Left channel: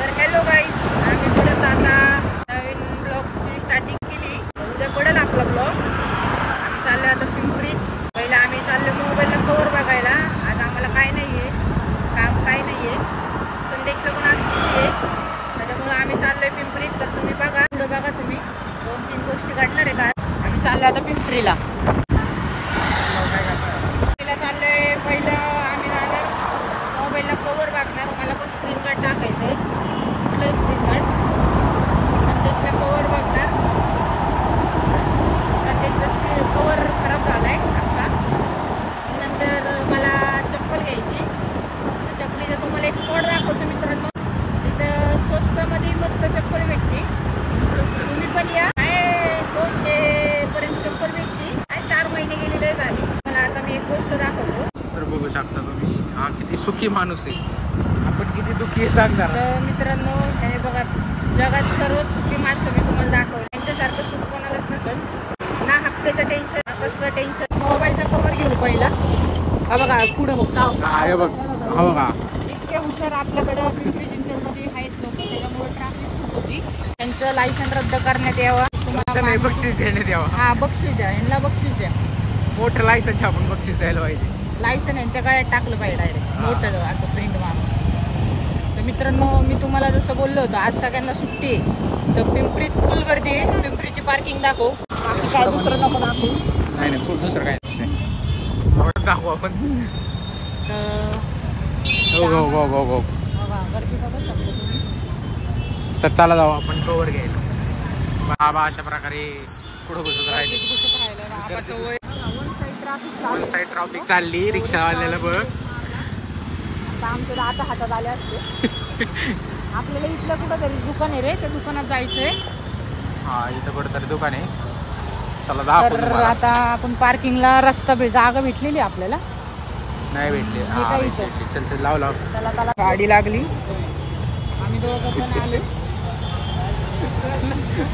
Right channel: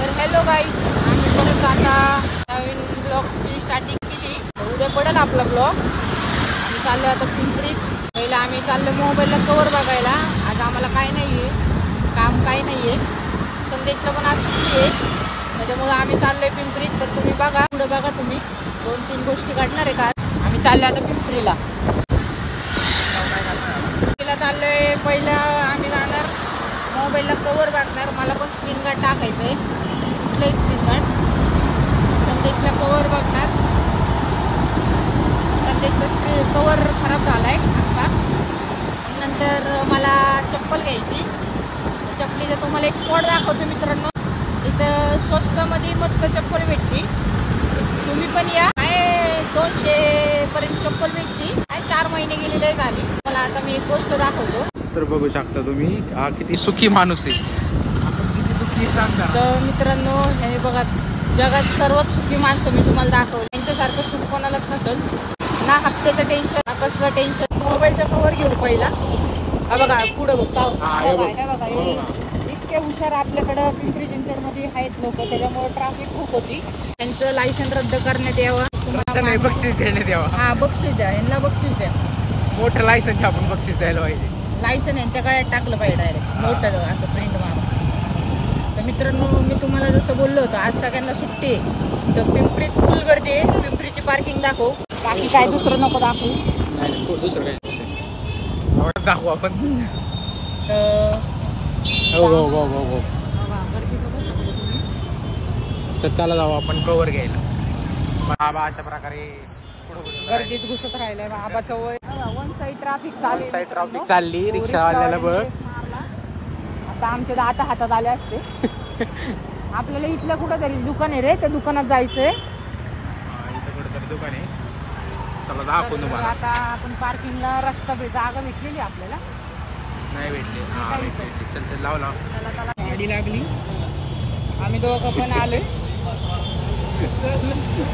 तर hello guys, आम्ही परत आता नवीन ब्लॉगची स्टार्टिंग केली. उद्या पडेल आपला ब्लॉग. आम्ही चाललो आता पिंपरी. पहिला आम्ही चाललो मोबाईलला कवर बघायला. आज आम्हाला काय नाही आहे, काम काही नाही आहे. संदेशला पण आज सुट्टी आहे, त्याच्यामुळं आम्ही चाललो आहे पिंपरीत. तर तुम्ही बघा, पुढं बघा तुम्ही. 2-3 गोष्टी काढणार आहे का. आम्ही चाललो आता पिंपरीला. चाललो आहे. पहिलं आम्ही जाणार मोबाईलला कवर बघणार. मला पण स्क्रीन गार्ड टाकायचं आहे. कुठलंही स्क्रीन गार्ड. संदेशला कवर बघणार. संदेशचा कवर खराब झाला आहे आता. नंतर मला चप्पल घ्यायची. चप्पलीचा तुम्हाला एक स्पॉट दाखवतो मित्रांनो. तिथं स्वस्तमध्ये मस्त चप्पल भेटते. तुम्ही पण या. 200 पर्यंत चप्पल भेटते. 4 महिने गेलेले झाले. मला आता मी एक गोष्ट दाखवतो. तर बघू शकता तुम्ही, हा किती सुखी माणूस आहे. आपण किती दुःखी आहे सांगणार. तर मित्रांनो, हे बघा, जगात सर्वात सुखी माणसं मी तुम्हाला दाखवलं. त्यांच्यासारखं सुख कोणालाच नसेल. ना हप्त्याचं टेन्शन, ना कसलं टेन्शन. मोबाईलचा कव्हर घेऊन पहिला. हा बघा, पुढं बघता इतके हुशार आपल्याकडं पिंपरी चिंचवडमध्ये आहेत लोक. त्याच्यामुळे ट्रॅफिक खूप होती. त्यांचं लायसन रद्द करण्यात यावं. तुम्हाला बक्षीस देण्यात यावं. हा, बक्षीस द्या, यांना बक्षीस द्या. मोठं लायसन घ्या, आपण बक्षीस द्यायला पाहिजे. लायसन यांच्या गळ्यात टाकलं पाहिजे डायरेक्ट मोठं असं प्रिंट मारून. तर मित्रांनो, मी तुम्हाला जसं बोललो होतं, आज सगळ्यांना सुट्टी आहे. तर पिंपरीत फुल गर्दी आहे. पिंपरीची पार्किंग दाखव. बाकी काय दुसरं नको दाखवू. नाही दुसरं काय एवढं दाखवू आपण. हो. तर चला जाऊ आपण कवर घ्यायला. बाबा अशा प्रकारे पुढं घुसत राहिले. वन साईड ट्रॅफिक चालली. रिक्षावाल्याला बघ. आमच्या आता हातात आले असते. आपल्याला इथलं कुठं तरी दुकान आहे रे, त्या दुकानात जायचंय. हा, इथं कुठं तरी दुकान आहे. चला दाखवून तुम्हाला. आता आपण पार्किंगला रस्ता जागा भेटलेली आपल्याला. नाही भेटली. हा भेटली. चल लाव. गाडी लागली. आम्ही दोघं पण आलो.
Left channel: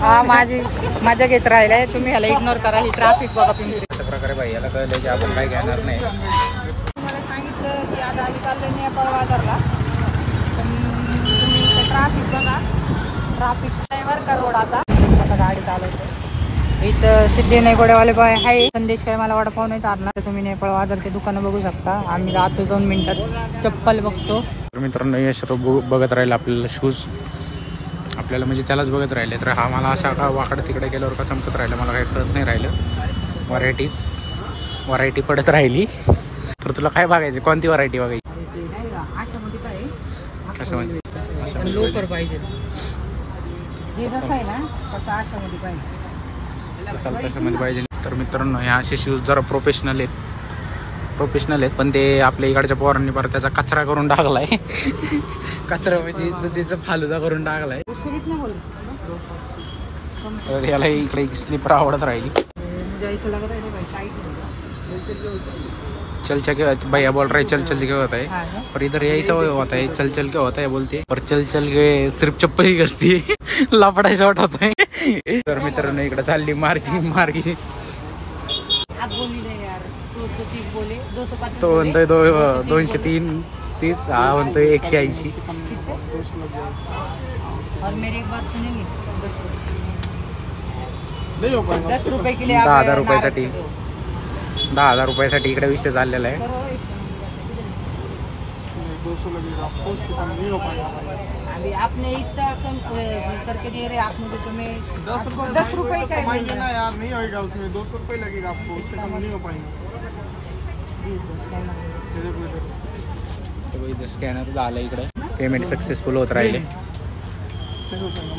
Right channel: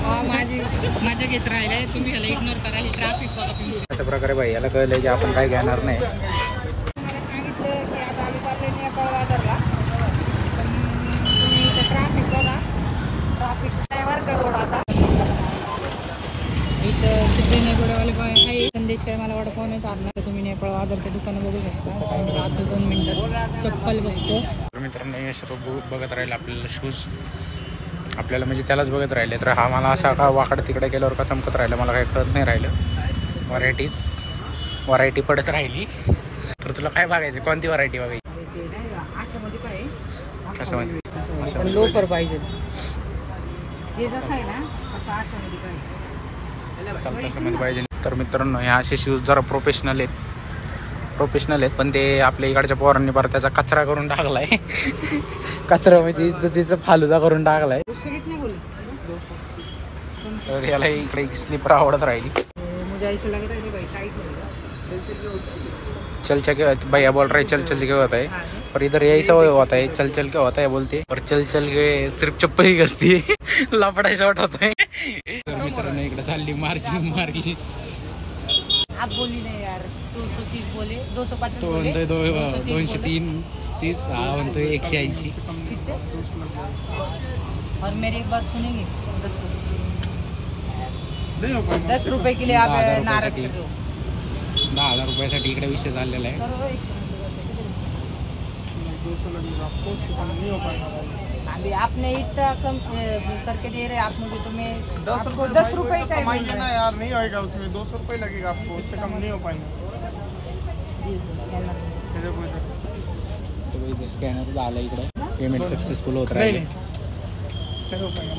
हा, माझी मजा घेत राहिलाय. तुम्ही ह्याला इग्नोर करा. ही ट्रॅफिक बघा पिंपरी. अशा प्रकारे भाई याला कळलं की आपण काय घेणार नाही. तुम्हाला सांगितलं की आता आम्ही चाललोय नेपाळ बाजारला. तुम्ही इथं ट्रॅफिक बघा. ट्रॅफिक ड्रायव्हर का रोड. आता गाडी चालू इथं सिद्धी नेगोड्यावाले बाय आहे. संदेश काय मला वडापाव नाही चालणार. तुम्ही नेपाळ बाजारचे दुकानं बघू शकता. आम्ही जातो 2 मिनिटात. चप्पल बघतो. मित्रांनो, हे सर्व बघत राहील आपल्याला शूज. आपल्याला म्हणजे त्यालाच बघत राहिले. तर हा मला असा का वाकडं तिकडे गेल्यावर का चमकत राहिलं, मला काही कळत नाही राहिलं. व्हरायटी पडत राहिली. तर तुला काय बघायचं, कोणती व्हरायटी बघायची? आशामध्ये काय कसं लोकर पाहिजे. हे जसं आहे ना तसं आशामध्ये पाहिजे. तशामध्ये पाहिजे. तर मित्रांनो, हे असे शूज जरा प्रोफेशनल आहेत. पण ते आपल्या इकडच्या पोरांनी परत त्याचा कचरा करून टाकलाय. कचरा म्हणजे इज्जतीचा फालुदा करून टाकलाय. तर याला इकडे स्लीपर आवडत राहिली. चल क्या भैया बोल रहे चल क्या होता है, पर इधर यही सब होता है. चल क्या होता है बोलते, पर चल के सिर्फ चप्पल ही घसती है. लपड़ा शॉट होता है. तर मित्रांनो, इकडे चालली मार्किंग. तो म्हणतोय 230. हा म्हणतोय 180. और मेरी एक बात सुनेंगे. 10 रुपये के लिए 10,000 रुपयासाठी 10,000 रुपयासाठी इकडे विषय चाललेला आहे. अभी आपने इतना कम करके दे रहे, आप मुझे तुम्हें 10 रुपये का ना यार, नहीं होगा उसमें. 200 रुपये लगेगा आपको, उससे कम नहीं हो पाएगा. स्कॅनर झालं. इकडे पेमेंट सक्सेसफुल होत राहिले.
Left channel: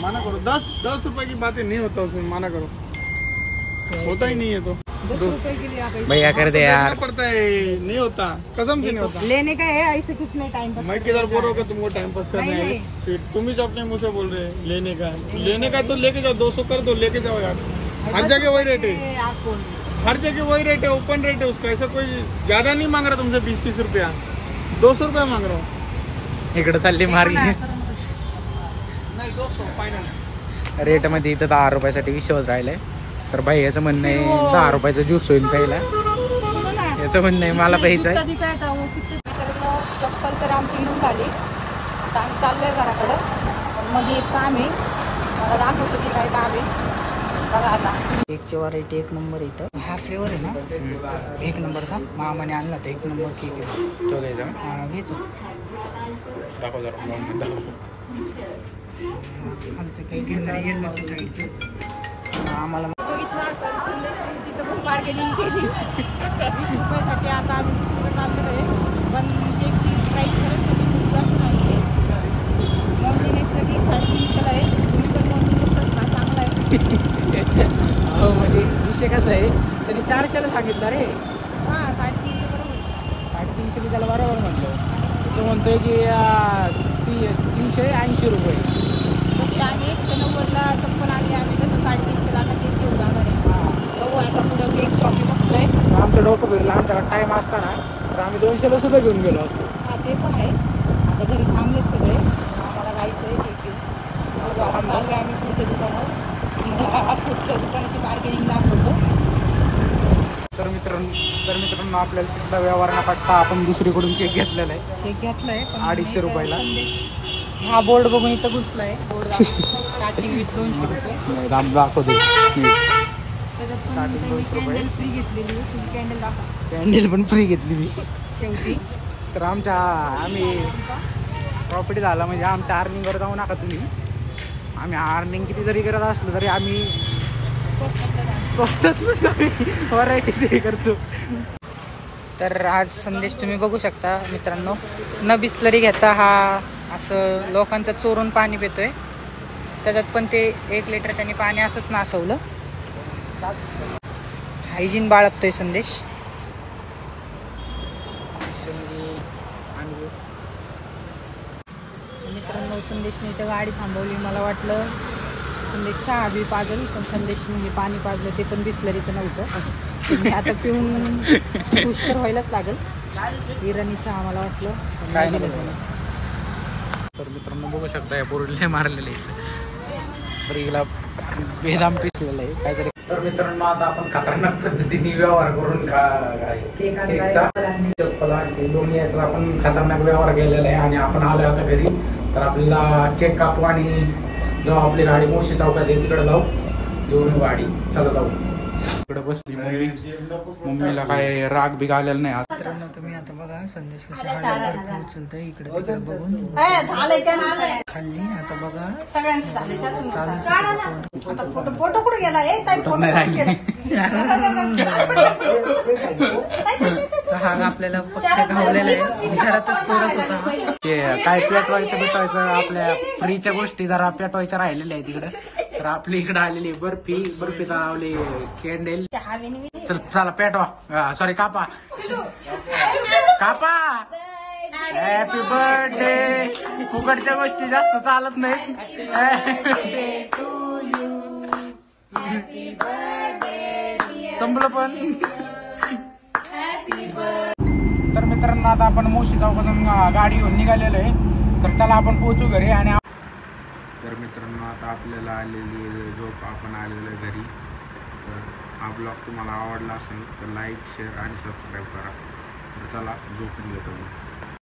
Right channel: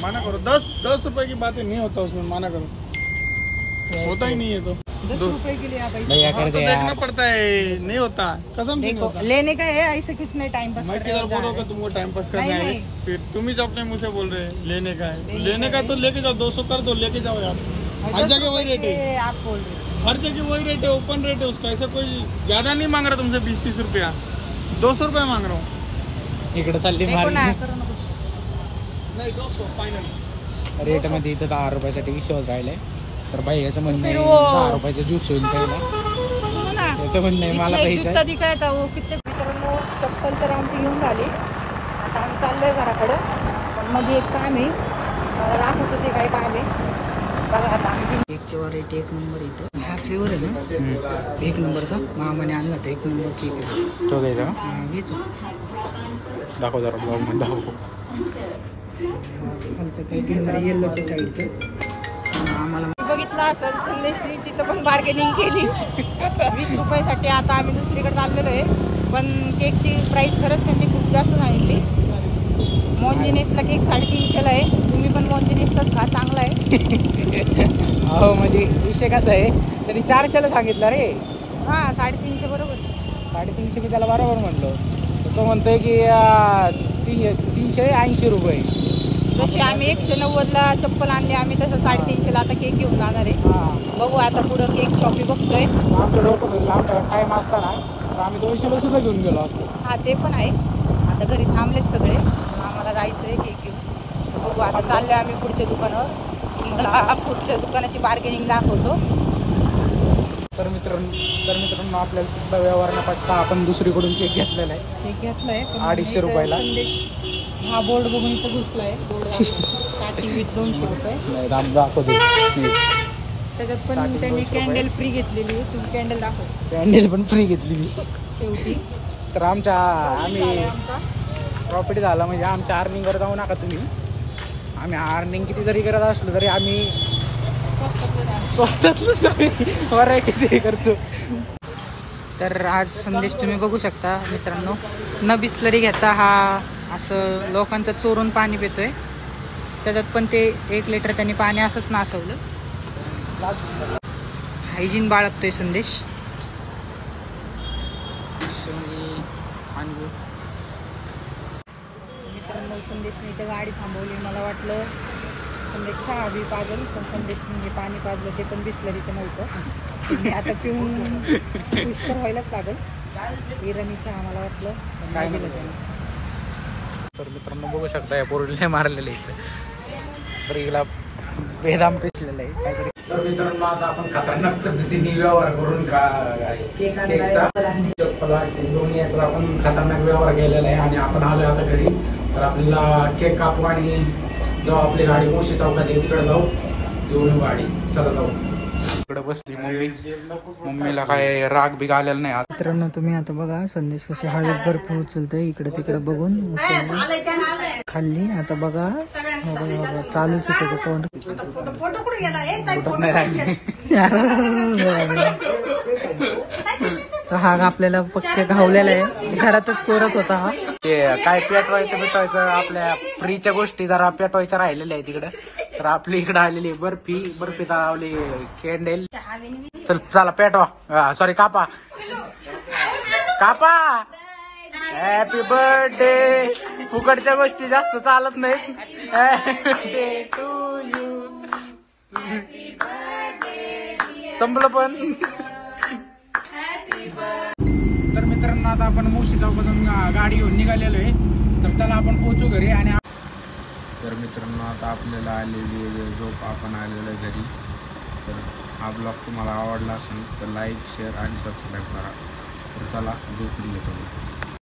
माना करो. 10 रुपए की बातें नहीं होता उसमें. माना करो, होता ही नहीं है. तो 10 रुपए के लिए भैया कर दे यार. पड़ता है, नहीं होता. कसम से नहीं होता. लेने का है, ऐसे किसने टाइम पास. मैं किधर बोल रहा हूँ तुमको टाइम पास करना है. फिर तुम ही अपने मुँह से बोल रहे हैं लेने का है. लेने का तो लेके जाओ. 200 कर दो, लेके जाओ यार. हर जगह वही रेट है. आप बोल हर जगह वही रेट है. ओपन रेट है उसका. ऐसा कोई ज्यादा नहीं मांग रहा तुमसे. 20-30 रुपया. 200 रुपया मांग रहा हूँ. इकडे चालली मार्केट. नाही 200 फायनल रेट मध्ये. इथं 10 रुपयासाठी विषय होत राहिलाय. तर भाई याचं म्हणणं आहे 10 रुपयाचा ज्यूस होईल प्यायला. याचं म्हणणं आहे मला प्यायचं आहे. चप्पल तर आमची घेऊन झाली. आता आम्ही चाललोय घराकडे. मध्ये एक काम आहे, मला दाखवतो ते काय काम आहे. बघा आता केकची व्हरायटी एक नंबर इथं. हा फ्लेवर आहे ना एक नंबरचा, मामाने आणला तर एक नंबर केक आहे. तो घ्यायचा का? हा घेतो. दाखव जरा ब्लॉग दाखव. येल्लोच्या साईडचे आम्हाला बघितलं असेल संदेशनी तिथं पण बार्गेनिंग केली 20 रुपयासाठी. आता आम्ही दुसरीकडे चाललेलो आहे, पण केकची प्राइस खरंच त्यांनी खूप जास्त सांगितली. मोंजिनेसला केक 350ला आहे. तुम्ही पण मोंजिनेसचाच खा, चांगला आहे. हो म्हणजे विषय कसा आहे, त्यांनी 400ला सांगितलं रे. हा 350 बरोबर. 350 की त्याला बरोबर म्हटलं. तो म्हणतोय की 380 रुपये. जशी आम्ही 190ला चप्पल आणली आम्ही, तसं 350ला आता केक घेऊन जाणार आहे. बघू आता पुढं केक शॉपी बघतोय. आमचं डोकं फिरलं, आमच्याकडे टाइम असताना तर आम्ही 200ला सुद्धा घेऊन गेलो असतो. हा ते पण आहे. आता घरी थांबलेच सगळे, आम्हाला जायचं आहे केक घेऊन. बघू आता चाललोय आम्ही पुढच्या दुकानावर. पुढच्या दुकानाची बार्गेनिंग दाखवतो. तर मित्रांनो आपल्याला तिथला व्यवहार न पडता आपण दुसरीकडून केक घेतलेला आहे. केक घेतलाय 250 रुपयाला. हा बोर्ड बघून इथं घुसलाय. बोर्ड स्टार्टिंग विथ 200 रुपये. राम दाखवतो. त्याच्यात पण त्यांनी कॅन्डल फ्री घेतलेली. तुम्ही कॅन्डल दाखव. कॅन्डल पण फ्री घेतली मी शेवटी. तर आम्ही प्रॉफिट झाला म्हणजे आमच्या अर्निंगवर जाऊ नका तुम्ही. आम्ही अर्निंग किती जरी करत असलो तरी आम्ही स्वस्तातच व्हरायटीज हे करतो. तर आज संदेश तुम्ही बघू शकता मित्रांनो, न बिस्लरी घेता हा असं लोकांचं चोरून पाणी पितोय. त्याच्यात पण ते 1 लिटर त्यांनी पाणी असंच नासवलं. हायजीन बाळगतोय संदेश. मित्रांनो संदेशने इथं गाडी थांबवली. मला वाटलं संदेश चहा बी पाजल, पण संदेशने हे पाणी पाजलं ते पण बिस्लरीचं नव्हतं. मी आता पिऊन खुश तर व्हायलाच लागल. इराणी चहा मला वाटलं, पण नाही दिलं त्याने. तर मित्रांनो बघू शकता या पोरीला मारलेलं आहे, बरीला बेदाम पिसलेलं आहे काहीतरी. तर मित्रांनो आता आपण खतरनाक पद्धतीने व्यवहार करून केकचा दोन्ही याचा आपण खतरनाक व्यवहार केलेला आहे. आणि आपण आलो आता घरी, तर आपल्याला केक कापू आणि जेव्हा आपली गाडी मोशी चौकात आहे तिकडे जाऊ घेऊन गाडी. चला जाऊ. इकडे बसली मम्मीला काय राग बिग आलेला नाही. मित्रांनो तुम्ही आता बघा संदेश कशी हळद बर्फ उचलतोय इकडे तिकडे बघून खाल्ली. आता बघा चालूच हा आपल्याला फक्त धावलेला आहे, घरातच चोरत होता. ते काय पेटवायचं आपल्या फ्रीच्या गोष्टी जरा पेटवायच्या राहिलेल्या आहे तिकडे. तर आपली इकडे आलेली बर्फी लावली कॅन्डल. चल चला पेटवा, सॉरी कापा. Happy birthday. फुकटच्या गोष्टी जास्त चालत नाहीत. Happy to you. संपलं पण. तर मित्रांनो आता आपण मोशी चौकातून गाडी घेऊन निघालेलो आहे. तर चला आपण पोहोचू घरी. आणि तर मित्रांनो आता आपल्याला आलेली झोप, आपण आलेलो आहे घरी. तर हा ब्लॉग तुम्हाला आवडला असेल तर लाईक शेअर आणि सबस्क्राईब करा. तर चला झोपून घेतो.